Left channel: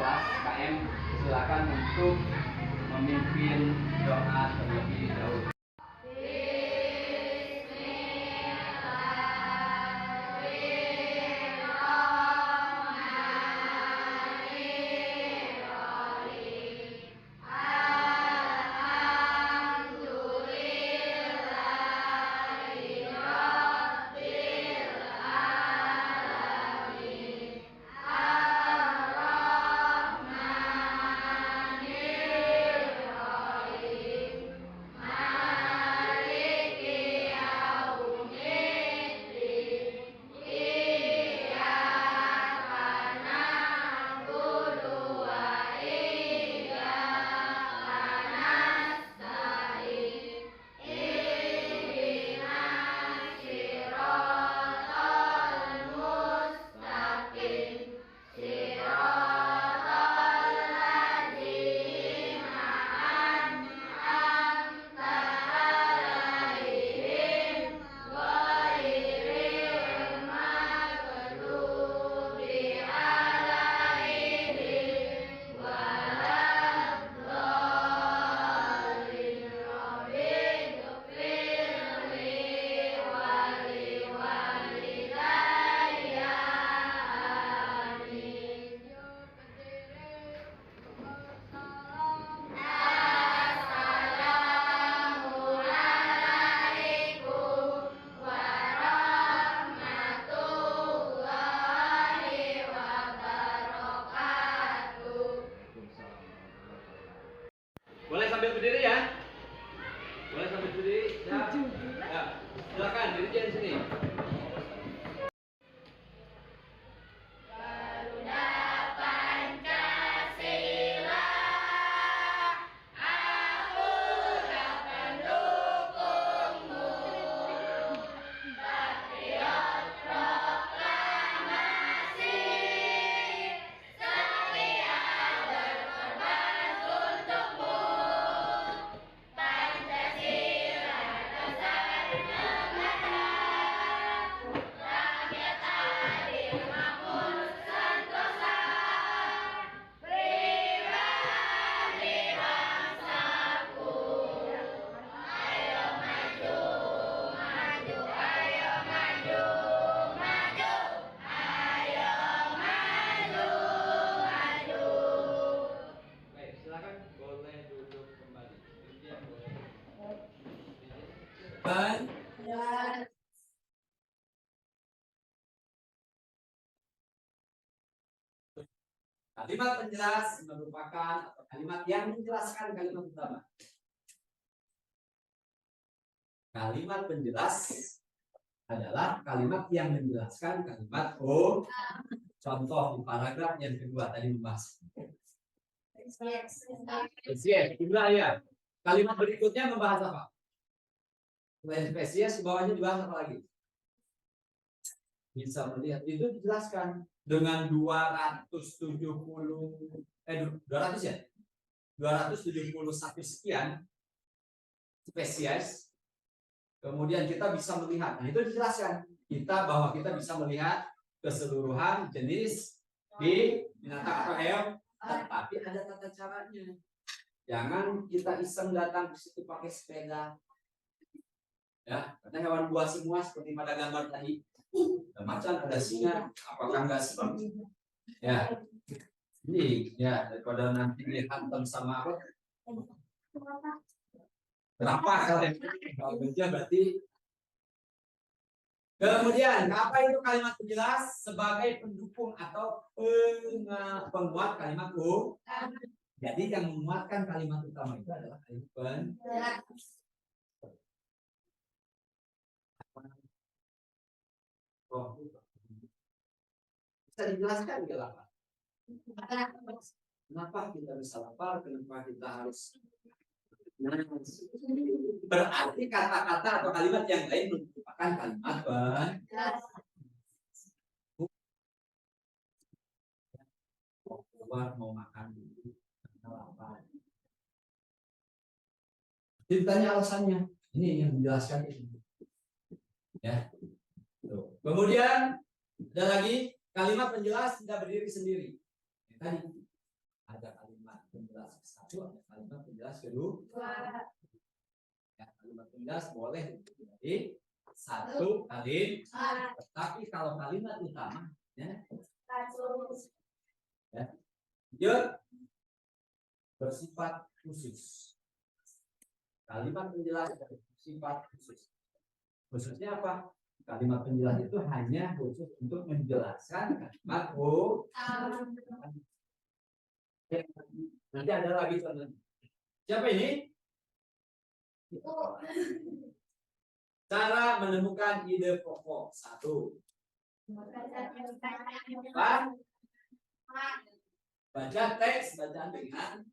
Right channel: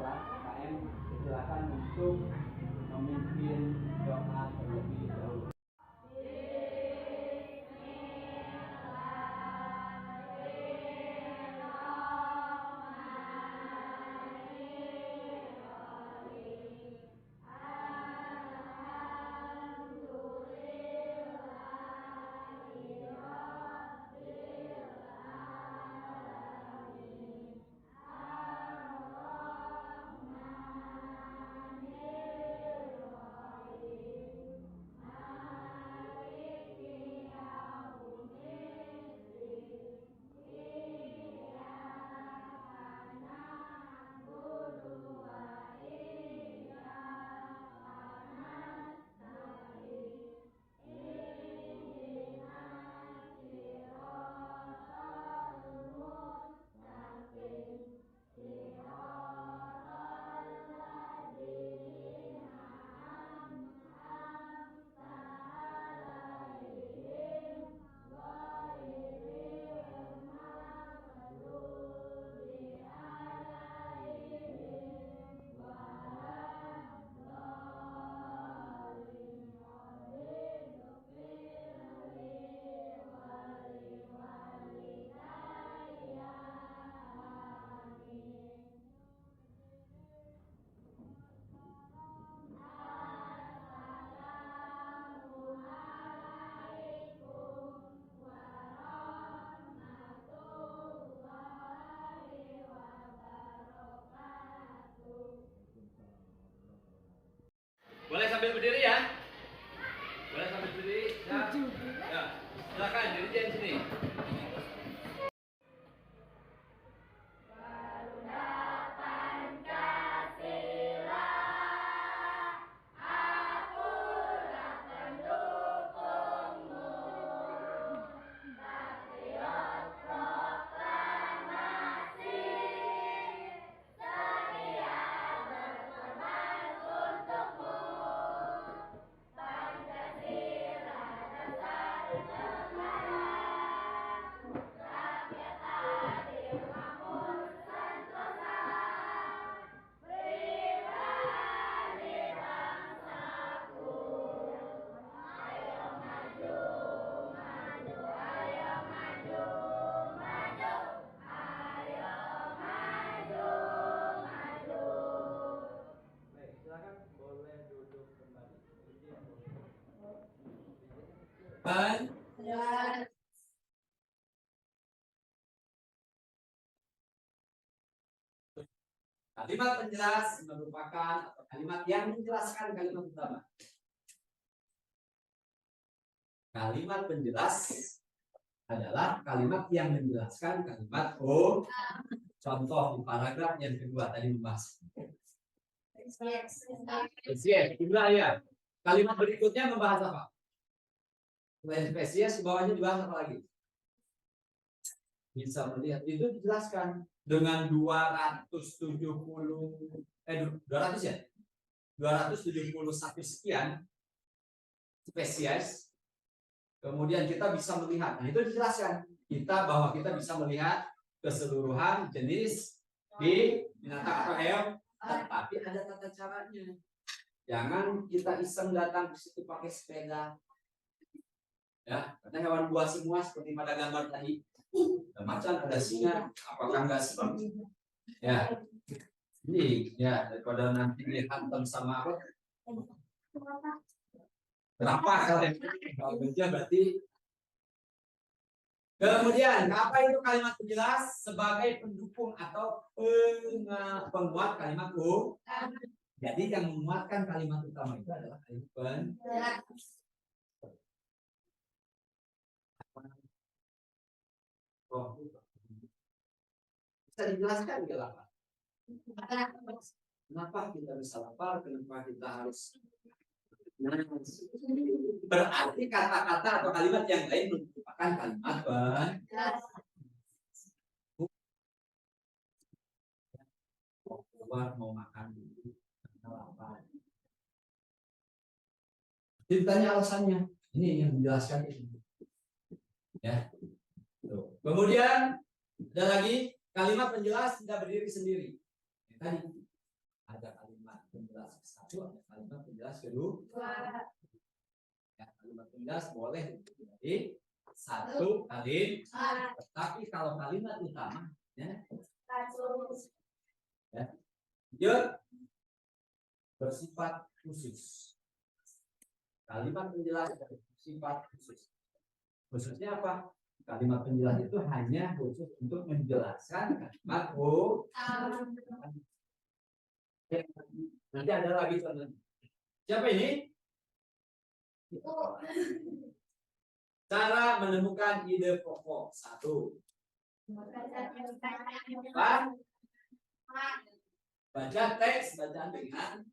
kelas KM, silakan untuk memimpin doa terlebih dahulu. Boleh sambil berdiri ya? Boleh sambil berdiri? Ya. Ya. Silakan dirjen sini. Kalimat penjelas merupakan atau kalimat yang menjelaskan kalimat utama. Kalimat penjelas adalah kalimat yang menjelaskan kalimat contoh di paragraf yang kedua tadi membahas. Ya. Kalimat berikutnya membahas apa? Selain spesies, bawahnya dibahas apa lagi? Bisa melihat itu dijelaskan dengan 271 sekian spesies. Kemudian kita bisa melihat, nah itu dijelaskan bahwa kita bisa melihat keseluruhan jenis di binatang atau hewan, tetapi ada tata caranya. Jangan kita iseng datang ke situ pakai sepeda. Ya, karena hewan buas semua seperti pada gambar tadi. Ada macan, ada singa, apakah enggak seperti ya. Ini ya daripada nanti dihantam sama apa? Berapa kalian? Kalau kerja berarti. Kemudian apa itu kalimat penjelas sebagai pendukung atau penguat kalimat Jadi yang menguatkan kalimat utama itu adalah kalimat penjelas. Bisa dijelaskan nggak lapar? Kenapa kita bisa lapar? Kenapa kita harus? Nah, berarti kata-kata atau kalimat yang lain merupakan kalimat penjelas. Mau makan dulu karena lapar. Ditanya alasannya, ini yang menjelaskan itu. Ya. Kemudian ada lagi kalimat penjelas tidak berdiri sendiri. Tadi satu, ada kalimat penjelas kedua. Ya, kalimat penjelas boleh jadi satu kali, tetapi kalau kalimat utama ya, dia bersifat khusus. Kalimat penjelas bersifat khusus. Khususnya apa? Kalimat penjelas itu hanya khusus untuk menjelaskan kalimat nanti ada lagi contohnya. Siapa ini? Cara menemukan ide pokok. Satu. Baca teks bacaan dengan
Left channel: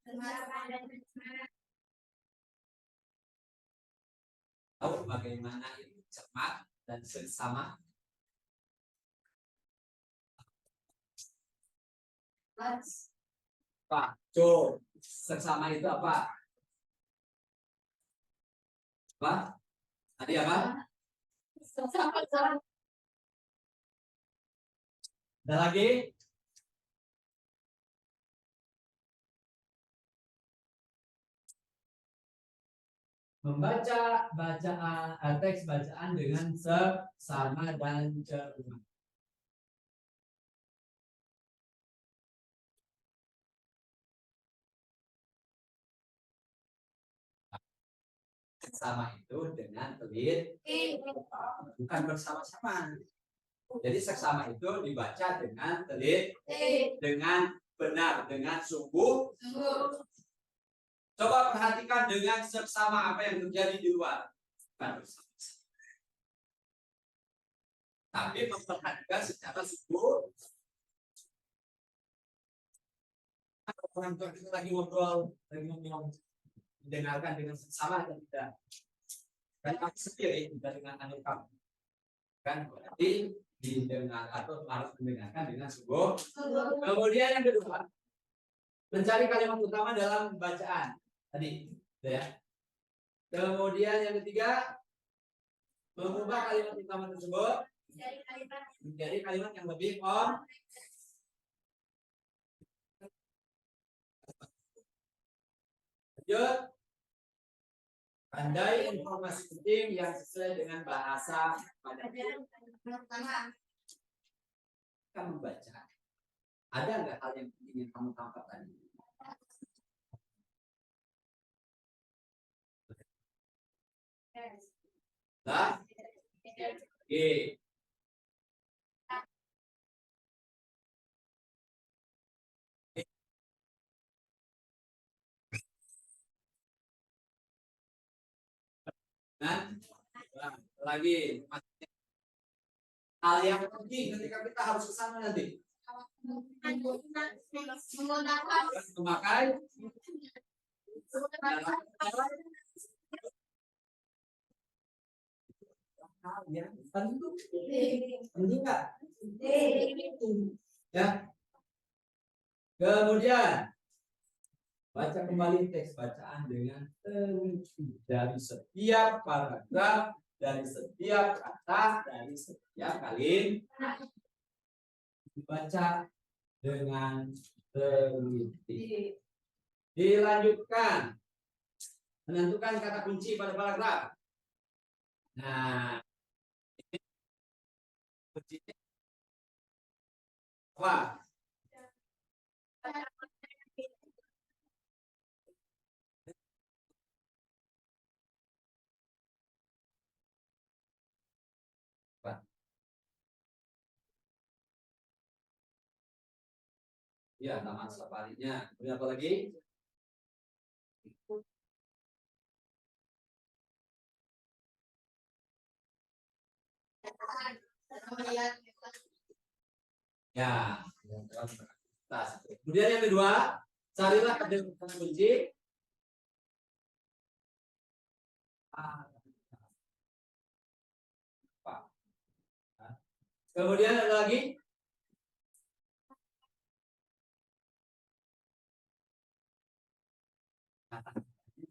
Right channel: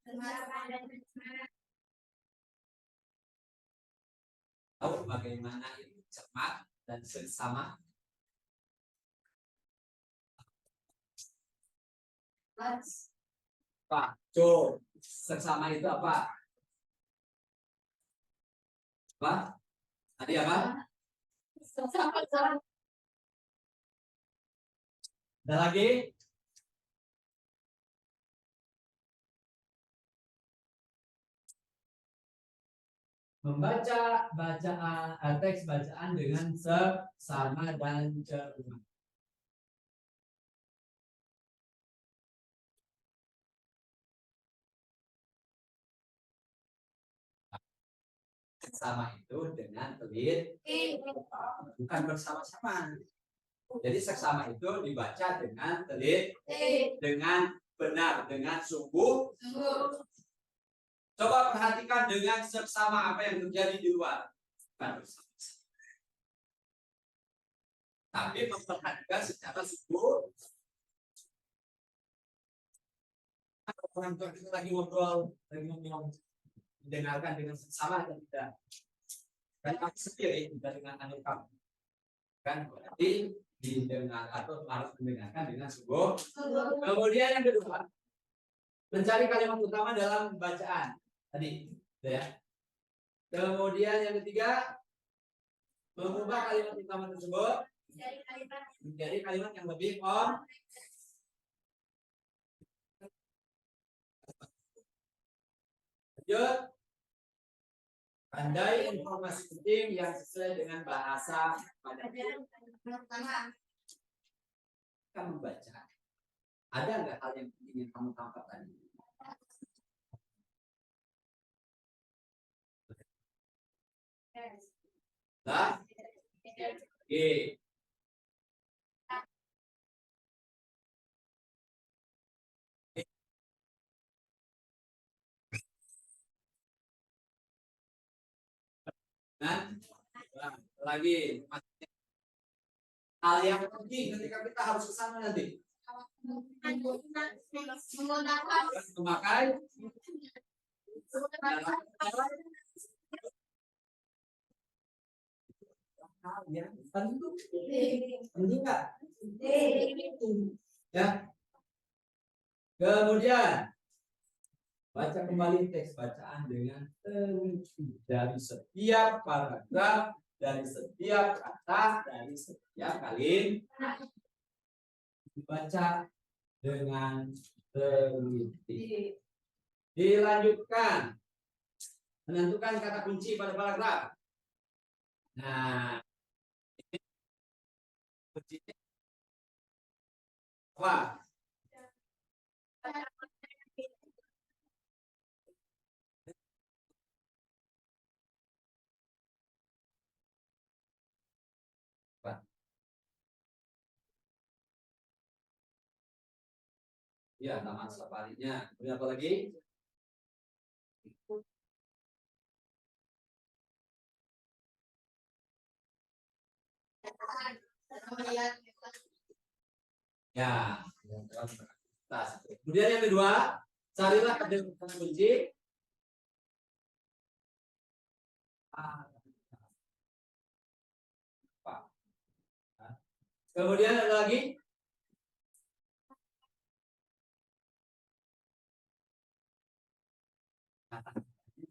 tahu bagaimana itu cermat dan seksama. Pak, Co, seksama itu apa? Apa? Tadi apa? Ada lagi? Membaca bacaan teks bacaan dengan seksama dan cermat. Seksama itu dengan teliti, bukan bersama-sama. Jadi seksama itu dibaca dengan teliti, dengan benar, dengan sungguh. Coba perhatikan dengan seksama apa yang terjadi di luar. Bukan bersama-sama, tapi memperhatikan secara sungguh. Orang tua kita lagi ngobrol, mendengarkan dengan seksama atau tidak? Kan aku sendiri tidak dengan anak kamu. Kan berarti didengar atau harus mendengarkan dengan sungguh. Kemudian yang kedua, mencari kalimat utama dalam bacaan tadi, ya. Kemudian yang ketiga, mengubah kalimat utama tersebut menjadi kalimat yang lebih lanjut, pandai informasi penting yang sesuai dengan bahasa pada kita membaca. Ada nggak hal yang ingin kamu tangkap tadi? Nah, oke. Dan lagi hal yang penting ketika kita harus ke sana nanti memakai hal yang penting nggak? Ya. Kemudian baca kembali teks bacaan dengan teliti dari setiap paragraf, dari setiap kata, dari setiap kalimat dibaca dengan teliti. Dilanjutkan menentukan kata kunci pada paragraf. Nah, ini kuncinya apa? Ya, taman safarinya. Kemudian apa lagi? Ya, kemudian yang kedua, carilah kata kunci. Kemudian ada lagi.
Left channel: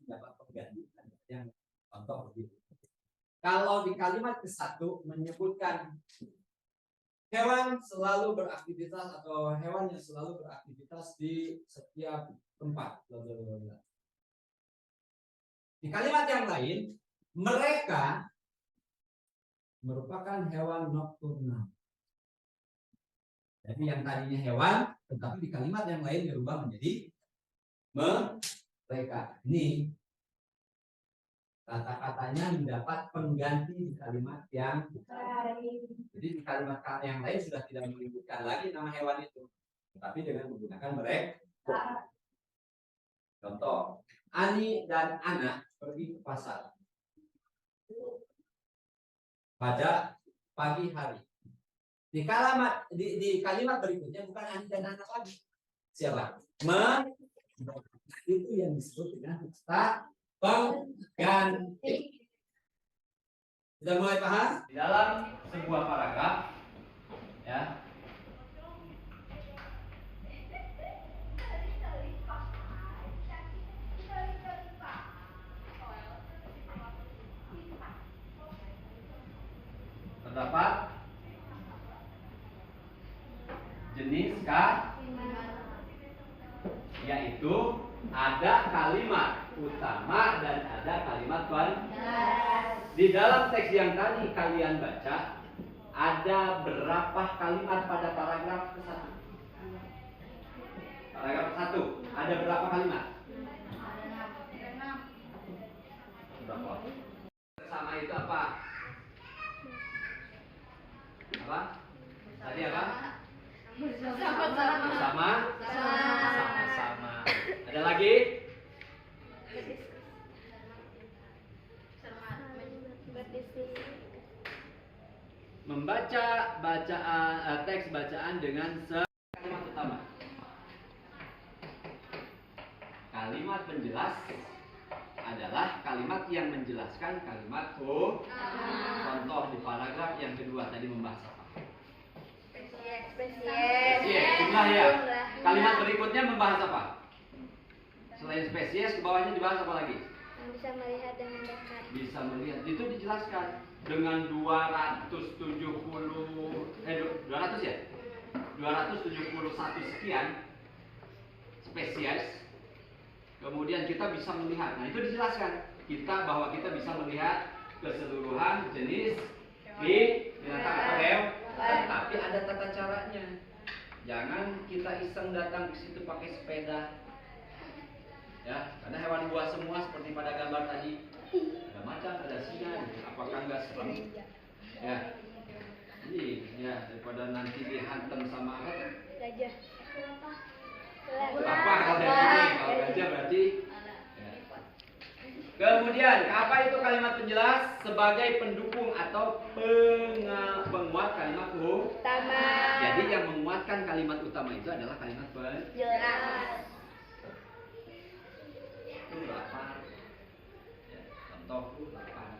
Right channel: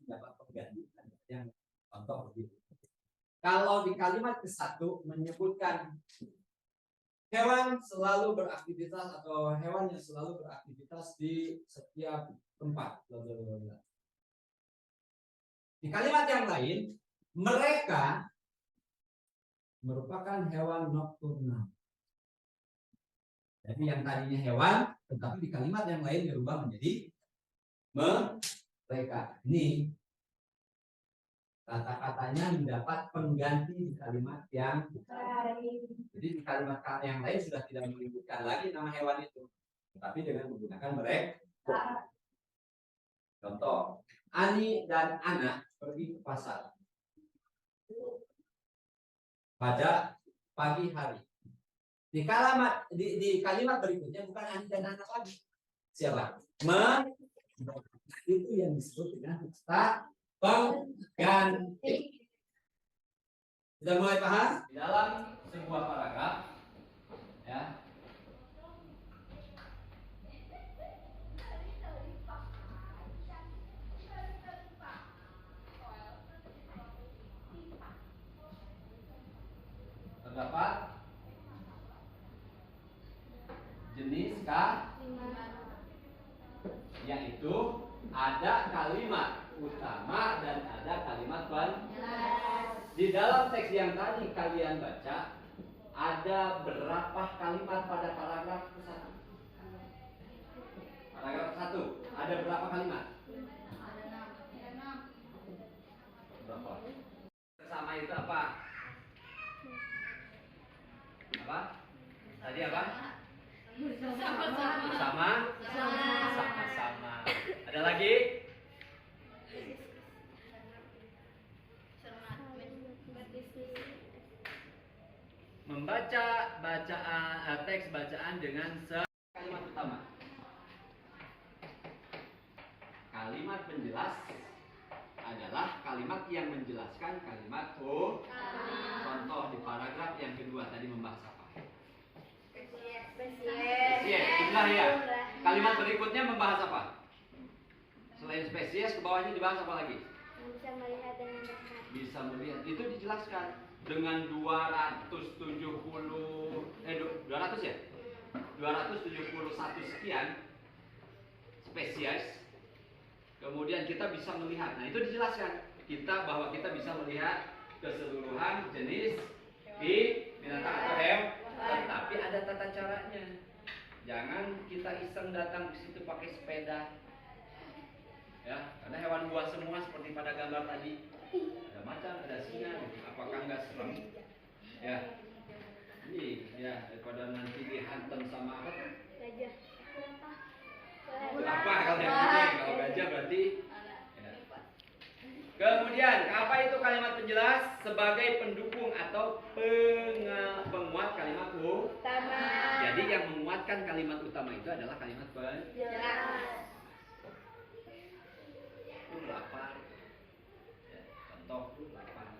Dapat pengganti yang contoh begitu. Kalau di kalimat ke-1 menyebutkan Hewan selalu beraktivitas atau hewan yang selalu beraktivitas di setiap tempat. Di kalimat yang lain, mereka merupakan hewan nokturnal. Jadi yang tadinya hewan, tetapi di kalimat yang lain dirubah menjadi mereka. Ini kata-katanya mendapat pengganti di kalimat yang lain. Jadi di kalimat yang lain sudah tidak menyebutkan lagi nama hewan itu, tapi dengan menggunakan mereka. Contoh, Ani dan Ana pergi ke pasar pada pagi hari. Di kalimat berikutnya bukan Ani dan Ana lagi. Siapa? Itu yang disebut dengan kata pengganti. Sudah mulai paham? Di dalam sebuah paragraf, ya, terdapat jenis yaitu ada kalimat utama dan ada kalimat pengganti. Di dalam teks yang tadi kalian baca, ada berapa kalimat pada paragraf ke-1? Paragraf 1 ada berapa kalimat? Berapa? Bersama itu apa? Apa? Tadi apa? Bersama. Sama-sama. Ada lagi? Membaca teks bacaan dengan kalimat utama. Kalimat penjelas adalah kalimat yang menjelaskan kalimat contoh di paragraf yang kedua tadi membahas apa? Spesies. Jumlah ya. Kalimat berikutnya membahas apa? Selain spesies, ke bawahnya dibahas apa lagi? Bisa melihat dengan dekat. Bisa melihat. Itu dijelaskan dengan 200 ya? 271 sekian spesies. Kemudian kita bisa melihat. Nah, itu dijelaskan. Bahwa kita bisa melihat keseluruhan jenis binatang atau hewan. Tapi ada tata caranya. Jangan kita iseng datang ke situ pakai sepeda. Ya, karena hewan buas semua seperti pada gambar tadi. Ada macan, ada singa. Apakah enggak serem? Ya. Jadi, ya daripada nanti dihantam sama apa? Gajah. Apa kalau yang ini? Kalau gajah berarti. Ya. Kemudian, apa itu kalimat penjelas? Sebagai pendukung atau penguat kalimat utama. Jadi yang menguatkan kalimat utama itu adalah kalimat penjelas. Itu lapar. Ya, contoh lapar.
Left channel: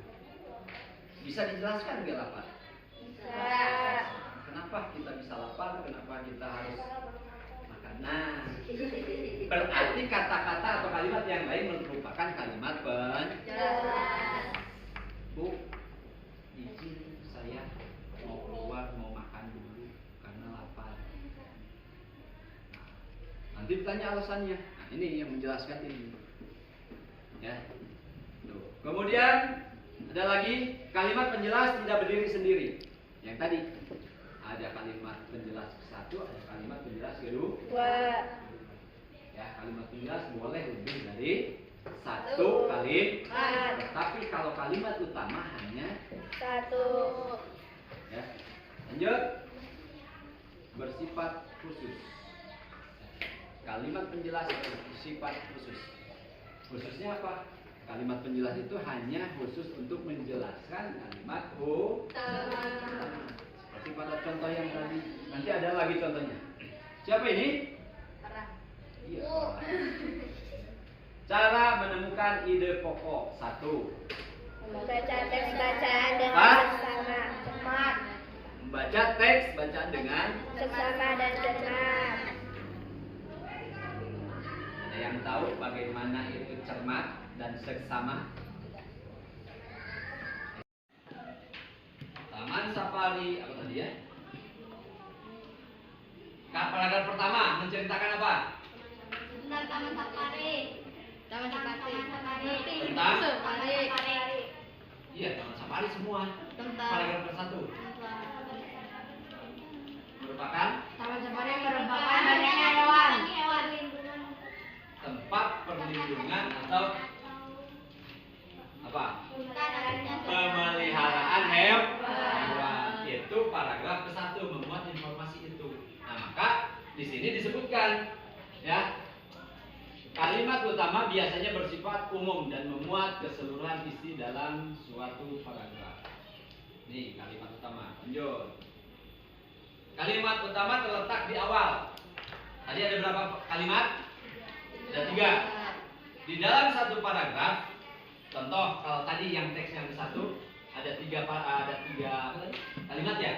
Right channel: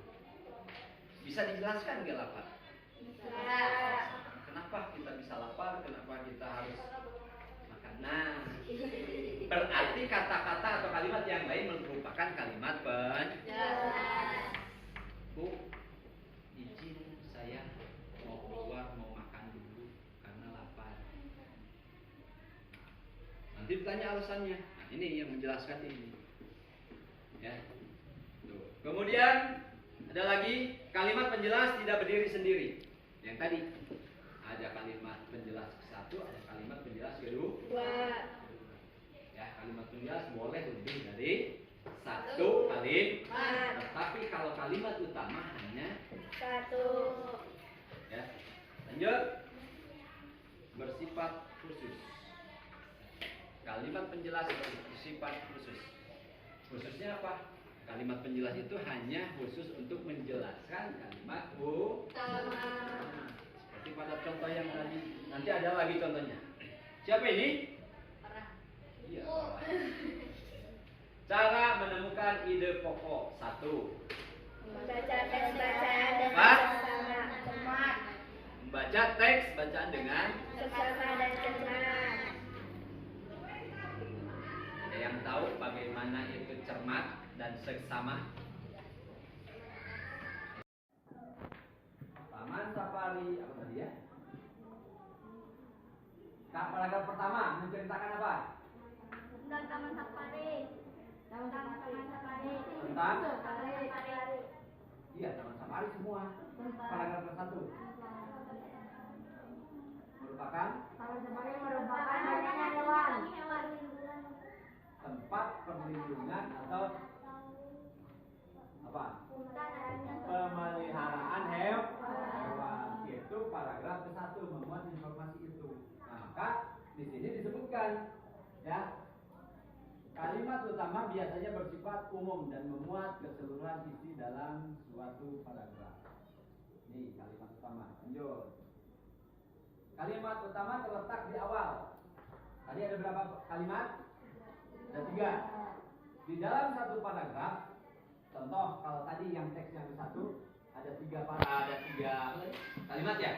Bisa dijelaskan nggak lapar? Bisa. Kenapa kita bisa lapar? Kenapa kita harus makan? Nah, berarti kata-kata atau kalimat yang lain merupakan kalimat penjelas. Bu, izin saya mau keluar, mau makan dulu karena lapar. Nanti ditanya alasannya. Nah, ini yang menjelaskan ini. Ya. Tuh. Kemudian ada lagi kalimat penjelas tidak berdiri sendiri. Yang tadi ada kalimat penjelas satu, ada kalimat penjelas kedua. Ya, kalimat penjelas boleh lebih dari satu kalimat. Tetapi kalau kalimat utama hanya satu. Ya. Lanjut. Bersifat khusus. Kalimat penjelas bersifat khusus. Khususnya apa? Kalimat penjelas itu hanya khusus untuk menjelaskan kalimat utama. Seperti pada contoh yang tadi. Nanti ada lagi contohnya. Siapa ini? Iya. Cara menemukan ide pokok. 1. Membaca teks bacaan dengan seksama. Membaca teks bacaan dengan Seksama dan cermat. Ada yang tahu bagaimana itu cermat dan seksama? Taman safari apa tadi ya? Paragraf pertama menceritakan apa? Tentang Taman Safari. Taman Safari. Tentang? Safari. Iya, Taman Safari semua. Tentang Paragraf ke-1 merupakan Taman Safari merupakan banyaknya hewan. tempat perlindungan atau apa? Pemeliharaan hewan. Itu paragraf ke-1 memuat informasi itu. Nah, maka di sini disebutkan ya, kalimat utama biasanya bersifat umum dan memuat keseluruhan isi dalam suatu paragraf. Nih kalimat utama. Lanjut. Kalimat utama terletak di awal. Tadi ada berapa kalimat? Ada 3. Di dalam satu paragraf, contoh kalau tadi yang teks yang ke-1 ada 3 apa tadi? Kalimat ya.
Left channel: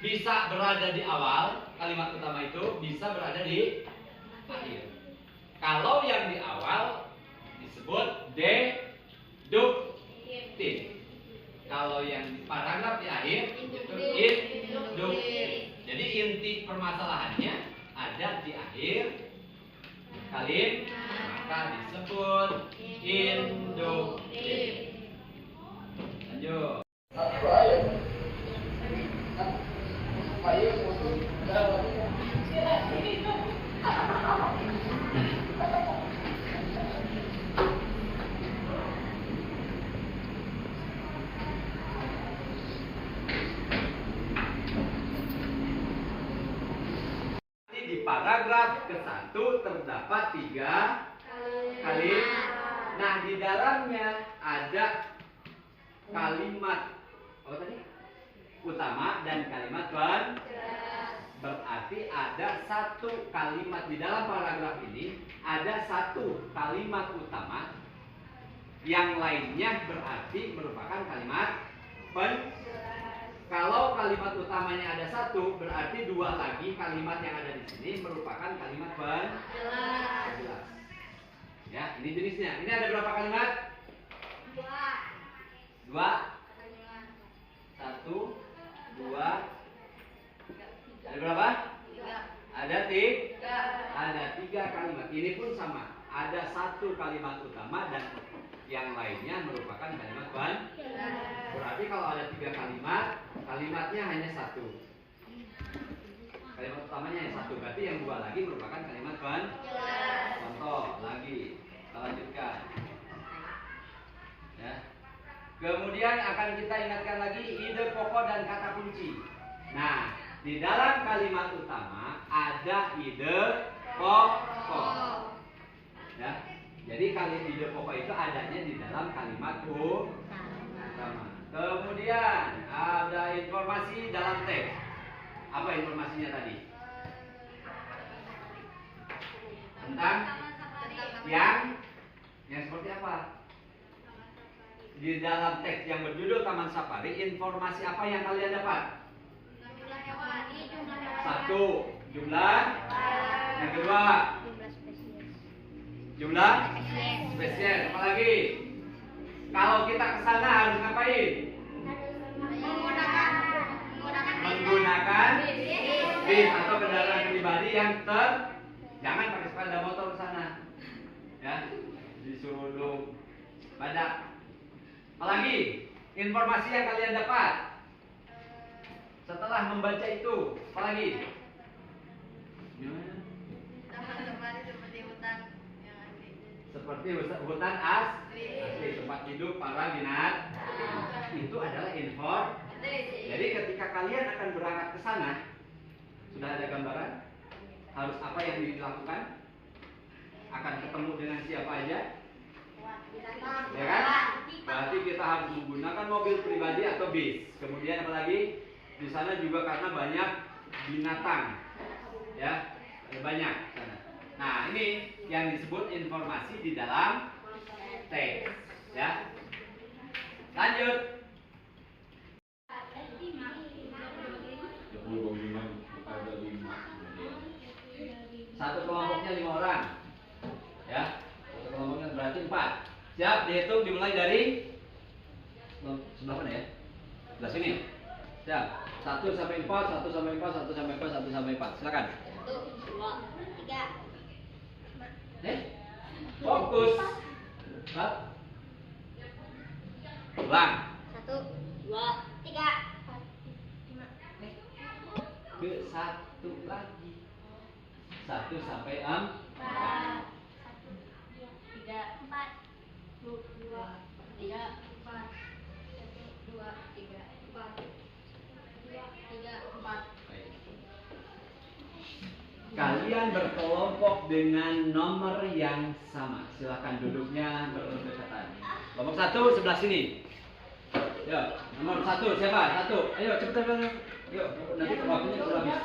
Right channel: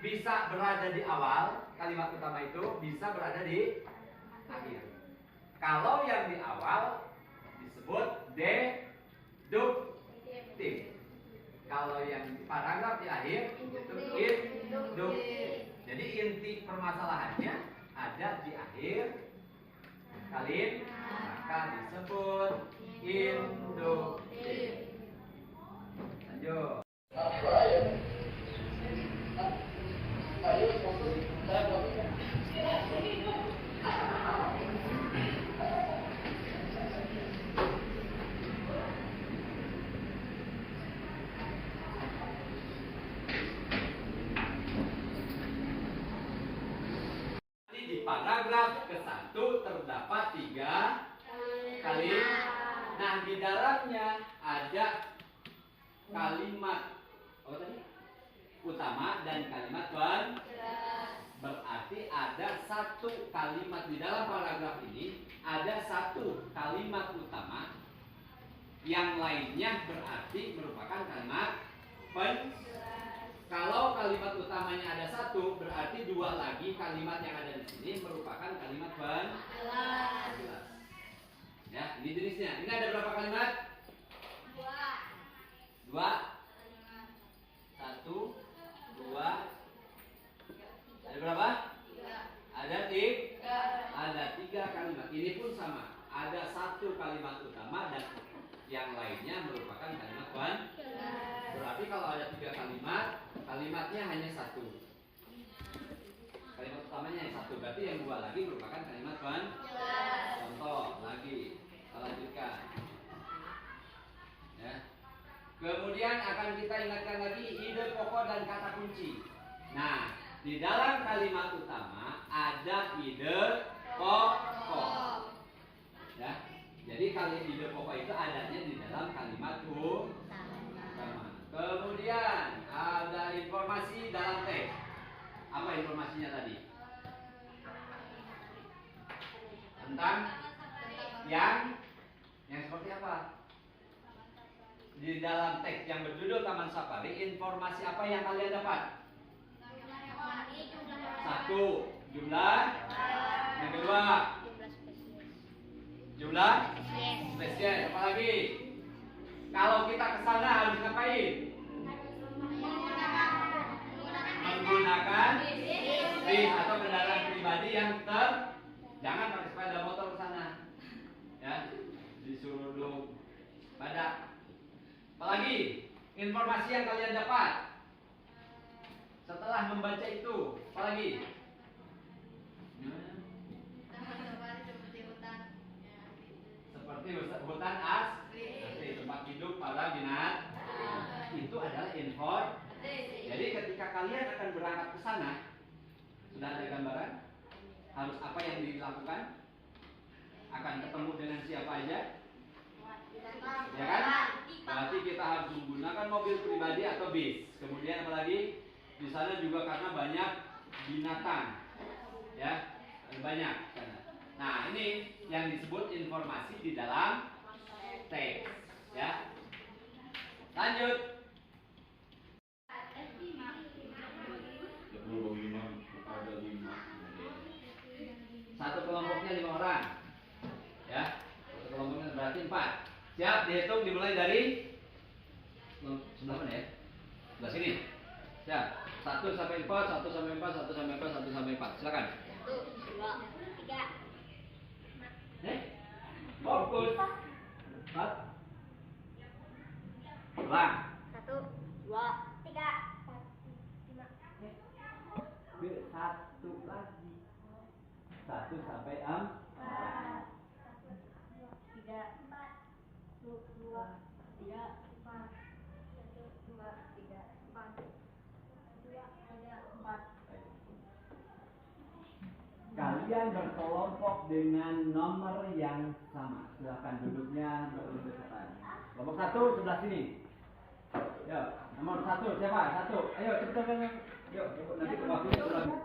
Bisa berada di awal, kalimat utama itu bisa berada di akhir. Kalau yang di awal disebut deduktif. Kalau yang di paragraf di akhir itu induktif. Jadi inti permasalahannya ada di akhir kalimat, maka disebut induktif. Lanjut. Di paragraf ke-1 terdapat 3 kalimat. Nah, di dalamnya ada kalimat apa tadi? Utama dan kalimat berarti ada 1 kalimat di dalam paragraf ini, ada 1 kalimat utama, yang lainnya berarti merupakan kalimat Kalau kalimat utamanya ada 1, berarti 2 lagi kalimat yang ada di sini merupakan kalimat penjelas. Ya, ini jenisnya. Ini ada berapa kalimat? 2. 1, 2. Ada berapa? 3. Ada 3 kalimat. Ini pun sama. Ada 1 kalimat utama dan yang lainnya merupakan kalimat penjelas. Berarti kalau ada 3 kalimat, kalimatnya hanya 1. Kalimat utamanya hanya 1. Berarti yang 2 lagi merupakan kalimat penjelas. Contoh lagi, kita lanjutkan. Ya. Kemudian akan kita ingatkan lagi ide pokok dan kata kunci. Nah, di dalam kalimat utama ada ide pokok. Ya. Jadi kalimat ide pokok itu adanya di dalam kalimat utama. Kemudian ada informasi dalam teks. Apa informasinya tadi? Tentang yang seperti apa? Di dalam teks yang berjudul Taman Safari, informasi apa yang kalian dapat? 1. Jumlah. Yang kedua, jumlah spesies. Apa lagi? Kalau kita ke sana harus ngapain? Menggunakan bis atau kendaraan pribadi yang jangan pakai sepeda motor ke sana. Ya, disuruh badak. Apalagi informasi yang kalian dapat setelah membaca itu, apalagi? Seperti hutan asli, tempat hidup para binatang. Itu adalah informasi. Jadi ketika kalian akan berangkat ke sana, sudah ada gambaran harus apa yang dilakukan, akan ketemu dengan siapa aja, ya kan? Berarti kita harus menggunakan mobil pribadi atau bis. Kemudian apalagi di sana juga karena banyak binatang, ya banyak. Nah ini yang disebut informasi di dalam teks, ya. Lanjut. Satu kelompoknya 5 orang, ya. Satu kelompoknya berarti 4. Siap, dihitung dimulai dari sebelah mana ya? Sebelah sini. Siap. 1 sampai 4, 1 sampai 4, 1 sampai 4, 1 sampai 4. Silakan. Fokus. Empat. Ulang. Ke satu lagi. 1 sampai 4. Kalian berkelompok dengan nomor yang sama. Silakan duduknya berdekatan. Kelompok 1 sebelah sini. Yo, nomor 1 siapa? 1. Ayo cepat. Yuk, nanti waktunya sudah habis.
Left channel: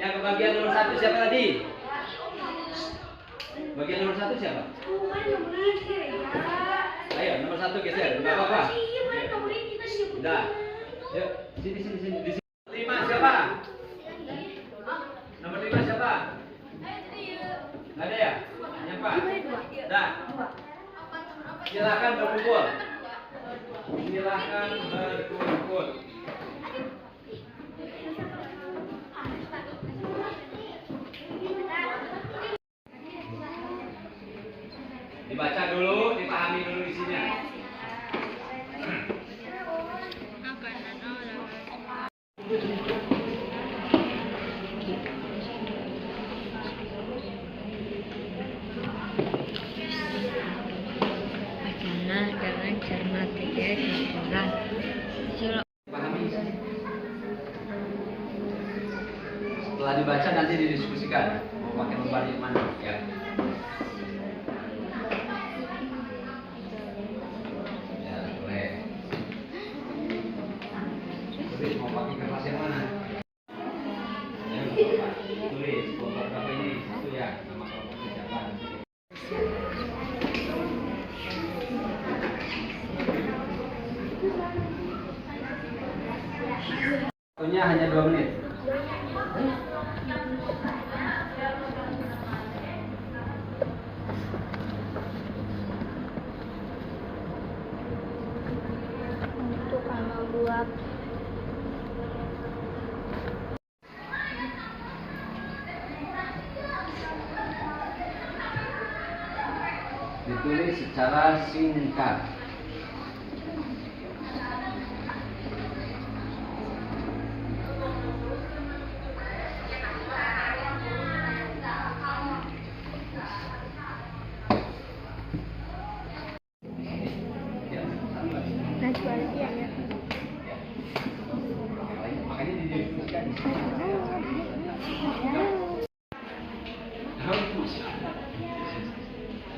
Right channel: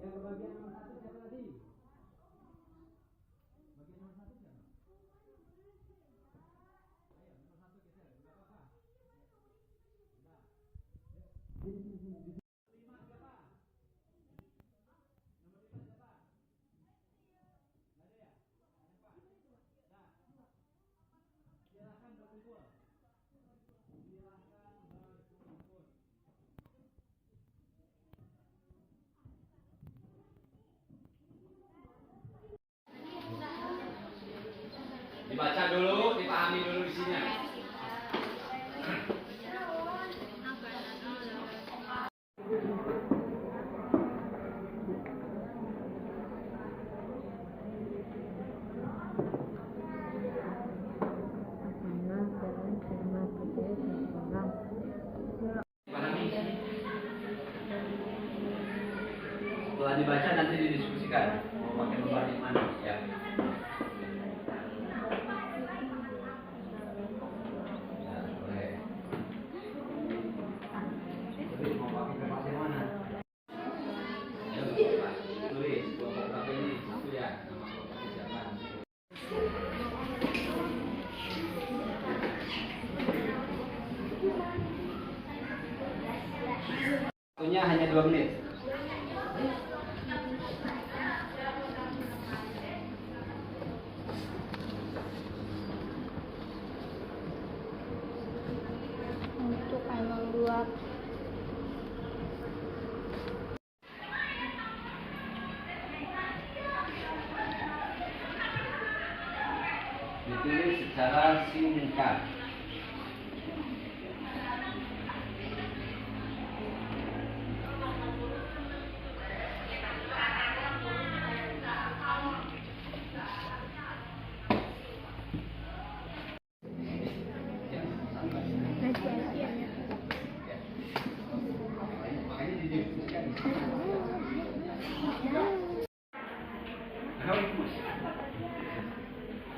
Yang kebagian nomor 1 siapa tadi? Bagian nomor 1 siapa? Ayo, nomor 1 geser. Enggak apa-apa. Udah. Yuk, sini. Di sini. 5 siapa? Nomor 5 siapa? Nggak ada ya? Siapa? Dah. Silakan berkumpul. Dibaca dulu, dipahami dulu isinya. Setelah dibaca nanti didiskusikan mau pakai lembar yang mana ya. Ya boleh. Tulis mau pakai kertas yang mana? Ayo tulis kelompok berapa ini itu ya nama kelompoknya siapa? Waktunya hanya 2 menit. Ditulis secara singkat. Makanya didiskusikan.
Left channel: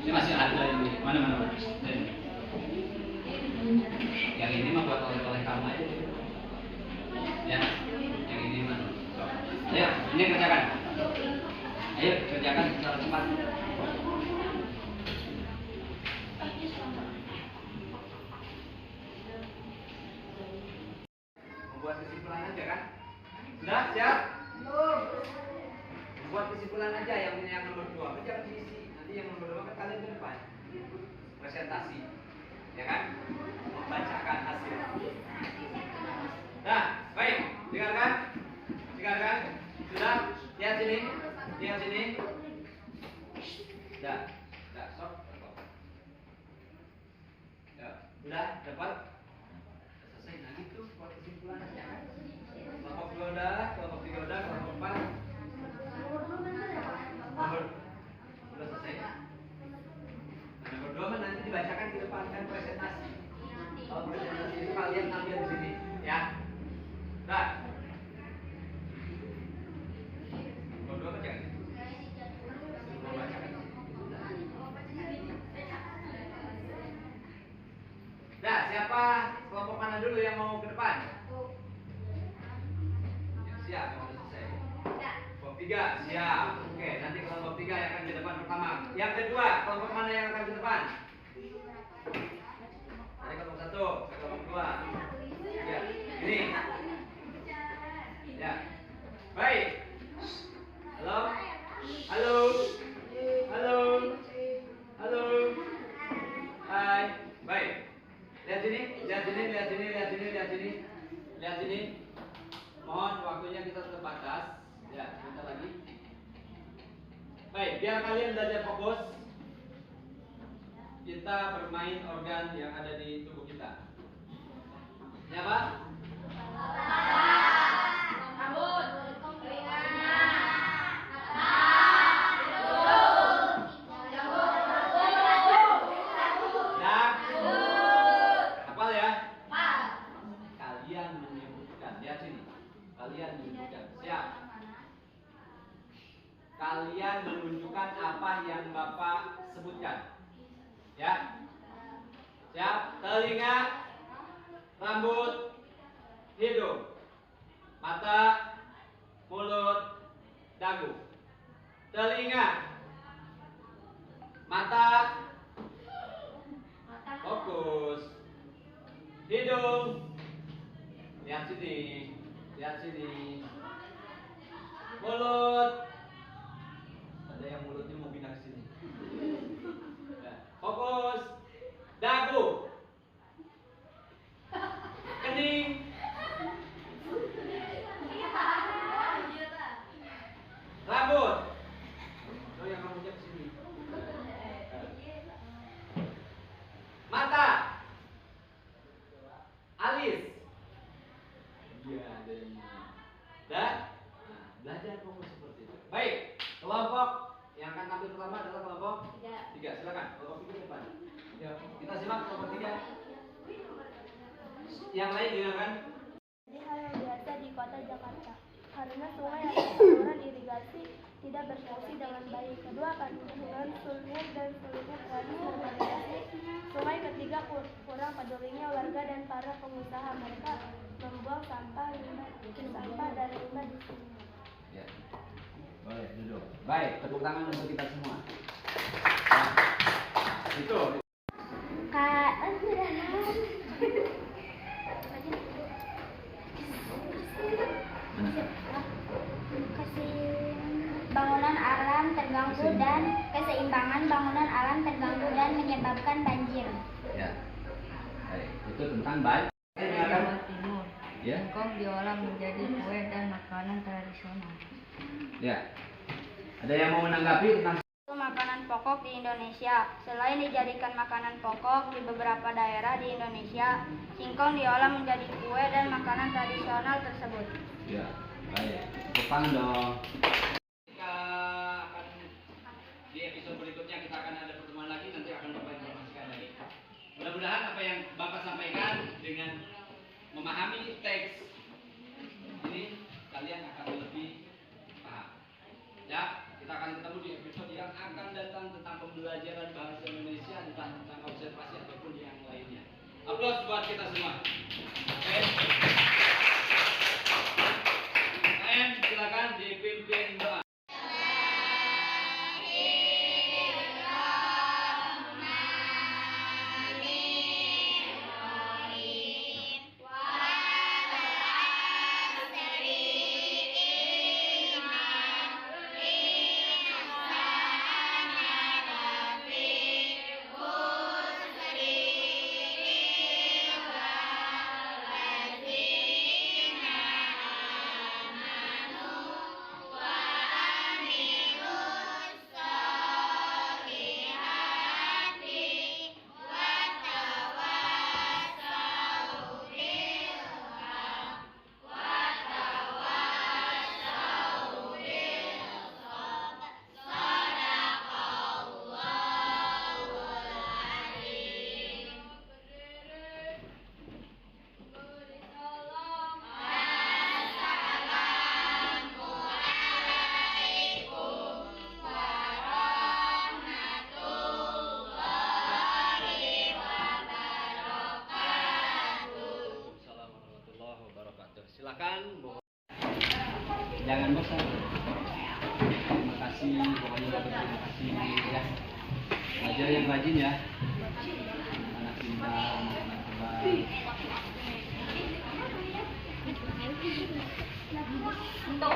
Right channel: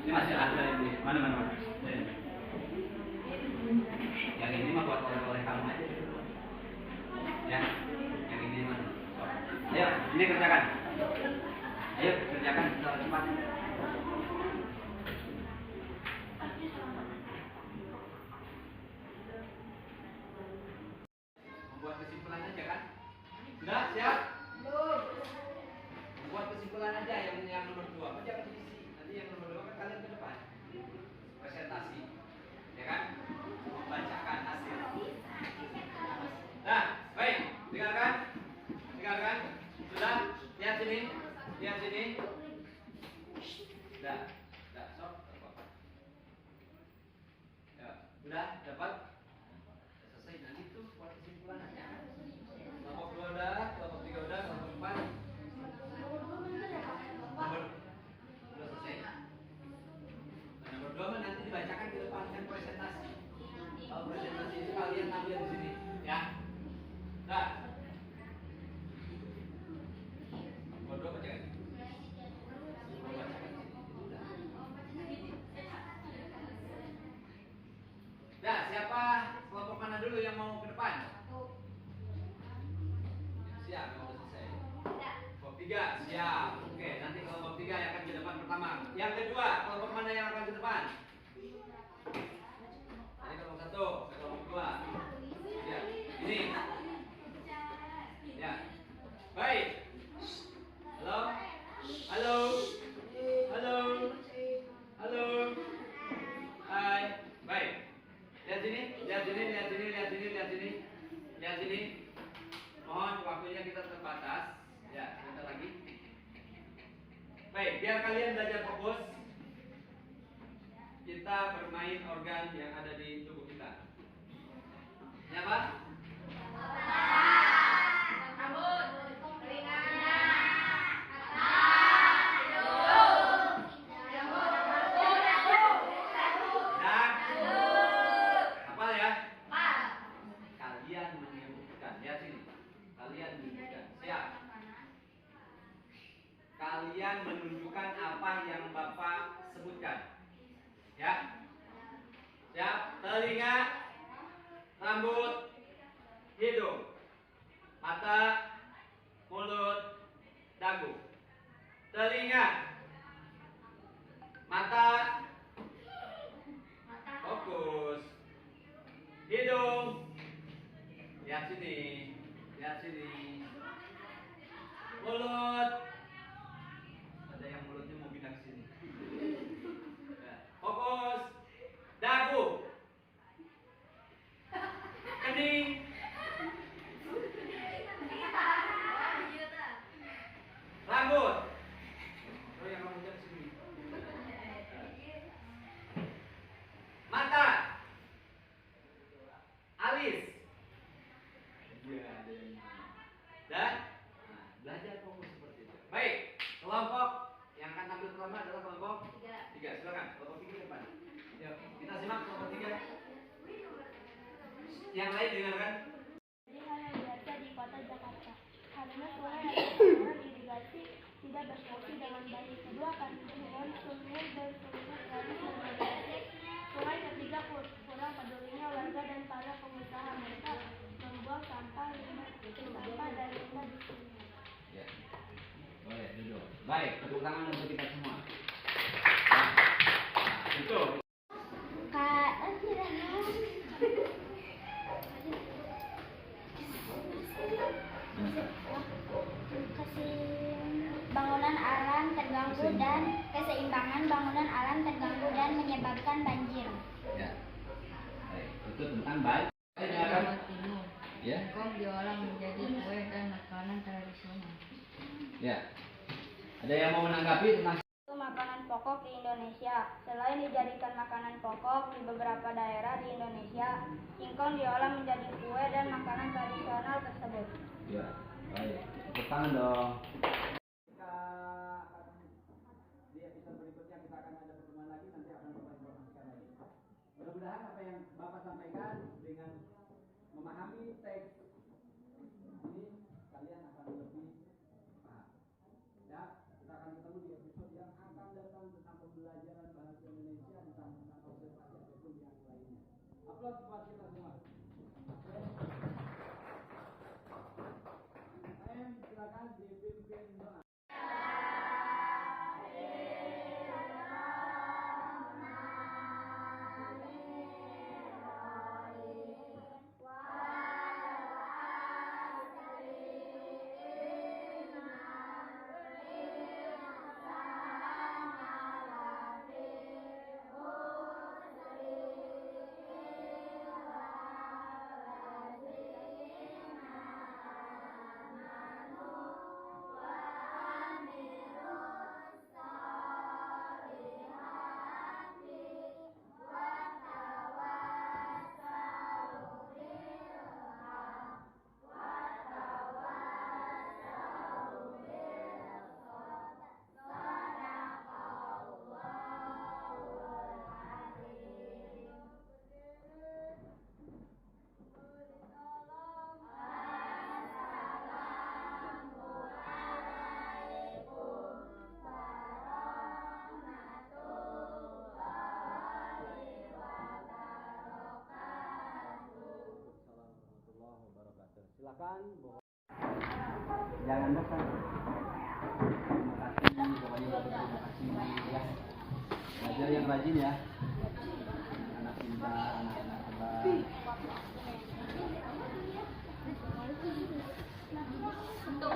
Ini masih ada ini. Mana? Yang ini mah buat oleh kamu aja. Ya, yang ini mah. Ayo, ini kerjakan. Ayo kerjakan secara cepat. Membuat kesimpulan aja kan? Sudah siap? Membuat kesimpulan aja yang nomor 2. Jangan diisi. Nanti yang nomor 2 kan kalian ke depan. Presentasi. Ya kan? Membacakan hasil. Nah, baik. Dengarkan. Sudah? Lihat sini. Sudah, stop. Ya, udah dapat? Selesai. Nah gitu buat kesimpulan aja. Kelompok 2 udah, kelompok 3 udah, kelompok 4 udah selesai. Nah, nomor 2 mah nanti dibacakan di depan kan presentasi. Kalau presentasi itu kalian ambil di sini, ya. Nah. Nomor 2 baca. Mau bacakan. Nah, siapa kelompok mana dulu yang mau ke depan? Siap, yang udah selesai. Kelompok 3, siap. Oke, nanti kelompok 3 yang akan ke depan pertama. Yang kedua, kelompok mana yang akan ke depan? Tadi kelompok 1, kelompok 2. Ya, ini. Ya. Baik. Halo. Hai. Baik. Lihat sini. Mohon waktunya kita terbatas. Ya, sebentar lagi. kita bermain organ yang ada di tubuh kita. Ini apa? Rambut, telinga, hafal ya. Kalian menyebutkan, lihat sini. Kalian menyebutkan. Siap. Kalian menunjukkan apa yang Bapak sebutkan. Ya. Siap. Telinga, rambut, hidung, mata, mulut, dagu. Telinga, mata, fokus. Hidung, lihat sini, lihat sini. Mulut, ada yang mulutnya mau pindah ke sini. Fokus. Dagu, kening, rambut. Oh, yang kamu ke sini. Mata, alis. Iya, ada yang ini. Dan belajar fokus seperti itu. Baik, kelompok yang akan tampil pertama adalah kelompok 3. Silakan, kelompok 3 depan. Ya, kita simak kelompok 3. Yang lain dengarkan. Jadi hal yang biasa di kota Jakarta, karena sungai atau saluran irigasi tidak berfungsi dengan baik. Kedua, dengan sulit dan sulitnya proses normalisasi sungai. Ketiga, kurang pedulinya warga dan para pengusaha, mereka membuang sampah dan limbah di sini. Ya. Boleh duduk. Baik, tepuk tangan untuk kita semua. Nah, itu. Bangunan alam terganggu dan keseimbangan bangunan alam terganggu dan menyebabkan banjir. Ya. Baik, itu tentang baik. Jawa Timur. Ya. Singkong diolah menjadi kue dan makanan tradisional. Ya. Ada yang mau menanggapi tentang Itu makanan pokok di Indonesia. Selain dijadikan makanan pokok di beberapa daerah di Indonesia, singkong diolah menjadi kue dan makanan tradisional tersebut. Ya, baik. Tepuk tangan dong. Kita akan di episode berikutnya kita akan ada pertemuan lagi, nanti akan Bapak informasikan lagi. Mudah-mudahan apa yang Bapak sampaikan dengan memahami teks ini kalian akan lebih paham. Ya, kita akan ketemu di episode yang akan datang tentang pembelajaran bahasa Indonesia, tentang observasi ataupun yang lainnya. Aplaus buat kita semua. Oke. Silakan dipimpin doa. Silakan. Jangan bosan. Terima kasih, pokoknya terima kasih ya. Belajar yang rajin ya. Anak pintar, anak hebat. Untuk